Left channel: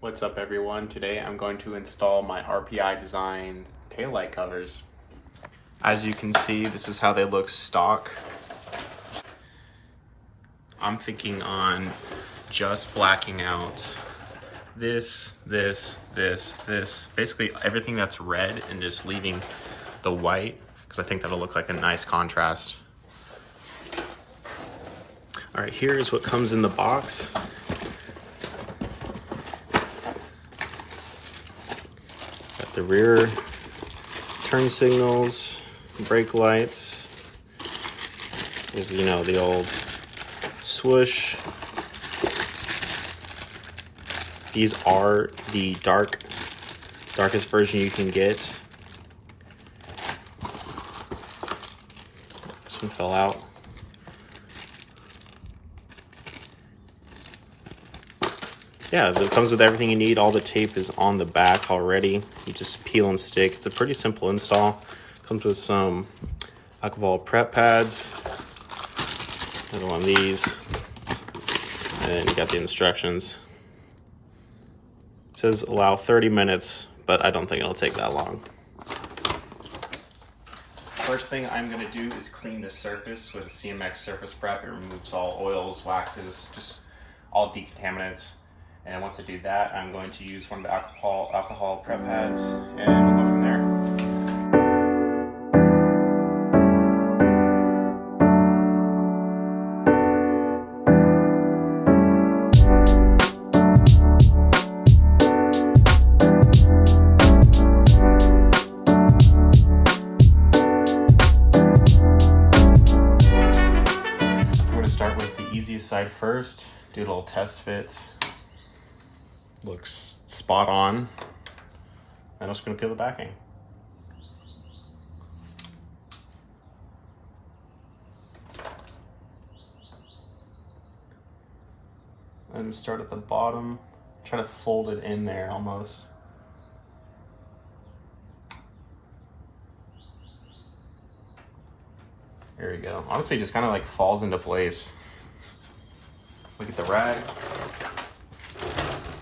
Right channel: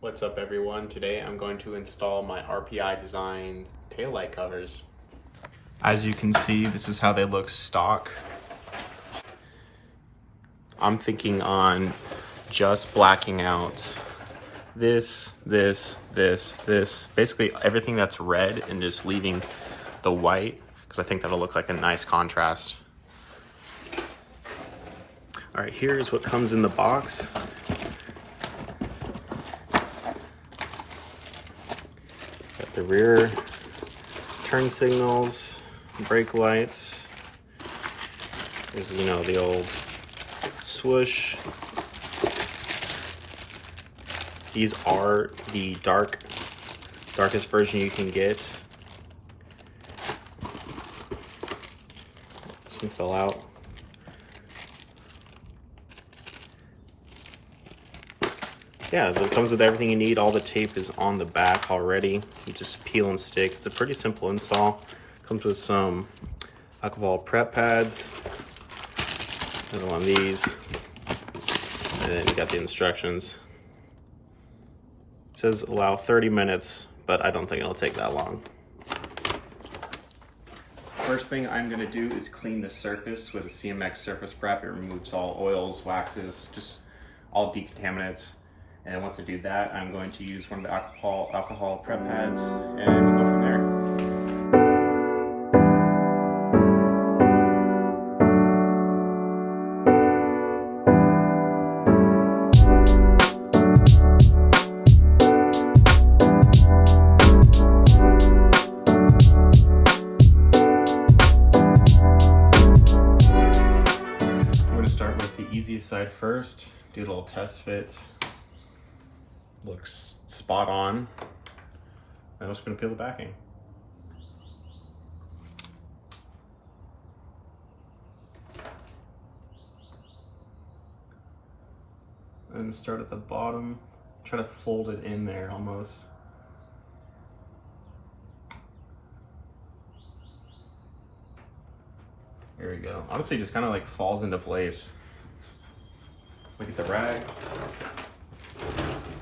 What's up everyone? Today I'm going to install my RPI Designs taillight covers. As you can see, this is how they look stock. I'm thinking on just blacking out this, basically everything that's red, and just leaving the white, because I think that'll look like a nice contrast. All right, here's what comes in the box. Got the rear turn signals, brake lights. Is, you know, the old swoosh. These are the darkest version you can get. This one fell out. Yeah, it comes with everything you need. All the tape is on the back already. You just peel and stick. It's a pretty simple install. Comes with some alcohol prep pads. Another one of these. And then you got the instructions. It says allow 30 minutes, but I don't think it'll take that long. First thing I'm gonna do is clean the surface with a CMX surface prep. It removes all oils, waxes, just all decontaminants. And then once I do that, I'm going to use one of the alcohol prep pads and go from there. I'm going to start with the easiest side first, do a little test fit. Looks spot on. I'm just going to peel the backing. And start at the bottom, try to fold it in there almost. There we go. Honestly, it just kind of like falls into place. Look at the rag.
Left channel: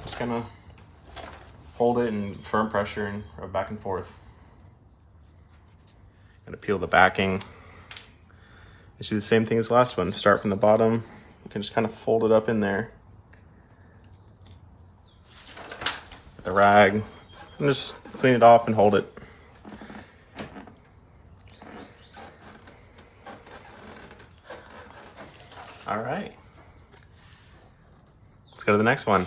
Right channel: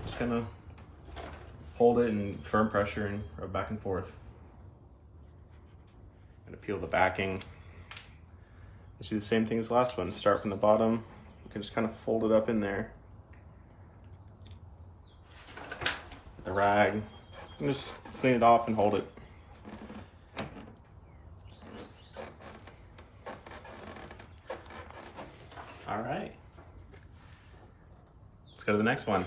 Just gonna hold it in firm pressure and rub back and forth. Gonna peel the backing. Let's do the same thing as the last one. Start from the bottom. You can just kind of fold it up in there. With the rag. And just clean it off and hold it. All right. Let's go to the next one.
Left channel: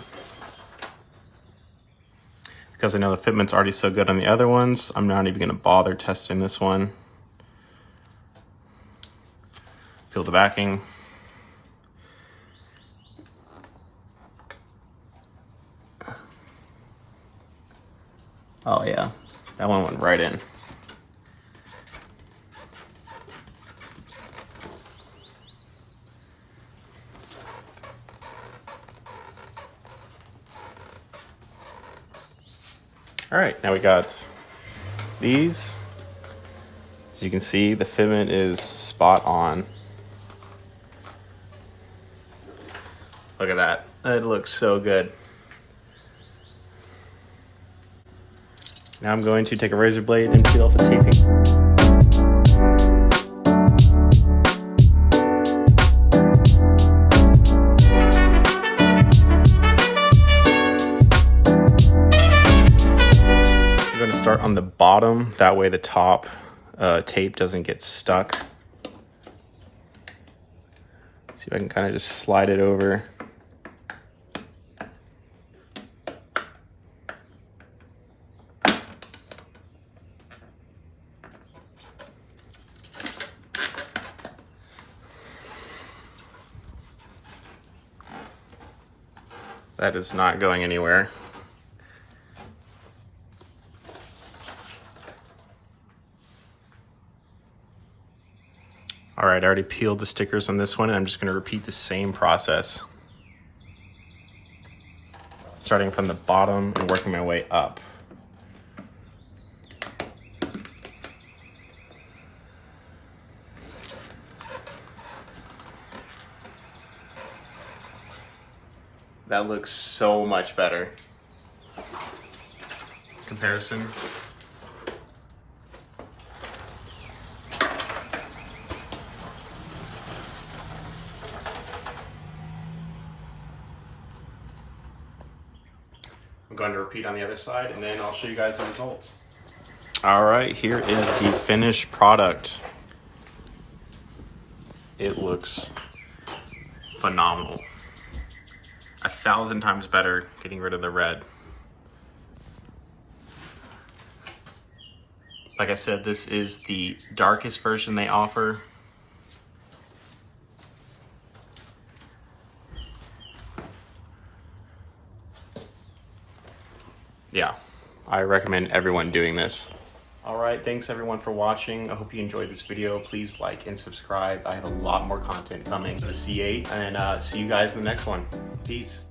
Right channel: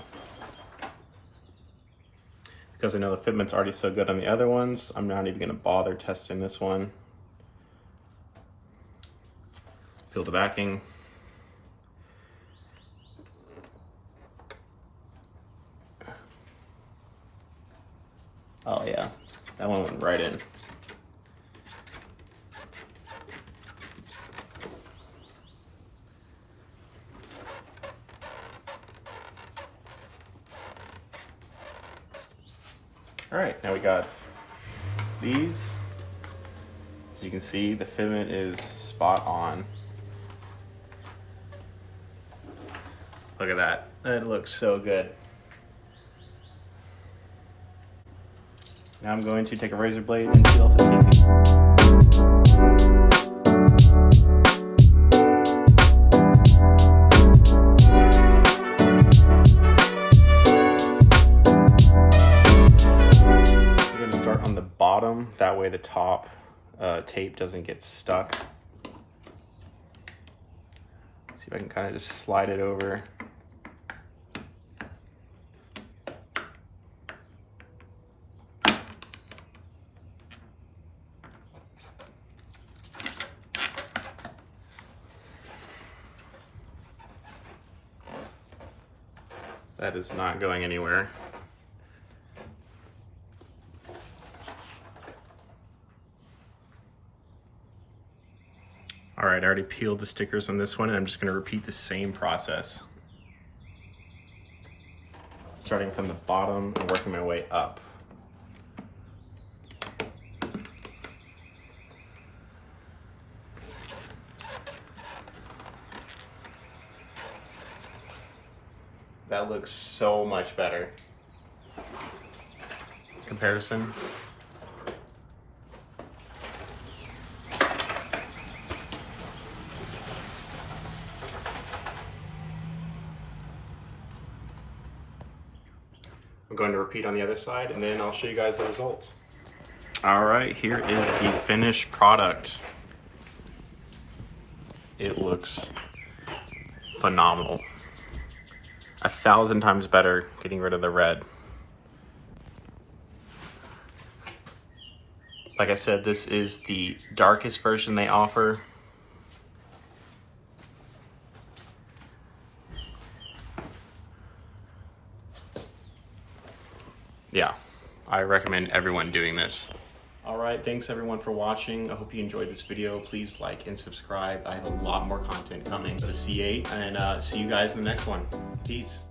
Because I know the fitment's already so good on the other ones, I'm not even gonna bother testing this one. Peel the backing. Oh yeah, that one went right in. All right, now we got these. As you can see, the fitment is spot on. Look at that, it looks so good. Now I'm going to take a razor blade and peel off the taping. On the bottom, that way the top tape doesn't get stuck. See if I can kind of just slide it over. That is not going anywhere. All right, I already peeled the stickers on this one, and I'm just gonna repeat the same process. Starting from the bottom and working my way up. That looks so much better. comparison. I'm going to repeat on the other side and then I'll show you guys the results. All right, here is the finished product. It looks phenomenal. 1,000 times better getting rid of the red. Like I said, this is the darkest version they offer. Yeah, I recommend everyone doing this. All right, thanks everyone for watching. I hope you enjoyed this video. Please like and subscribe. I have a lot more content coming for the C8, and see you guys in the next one. Peace.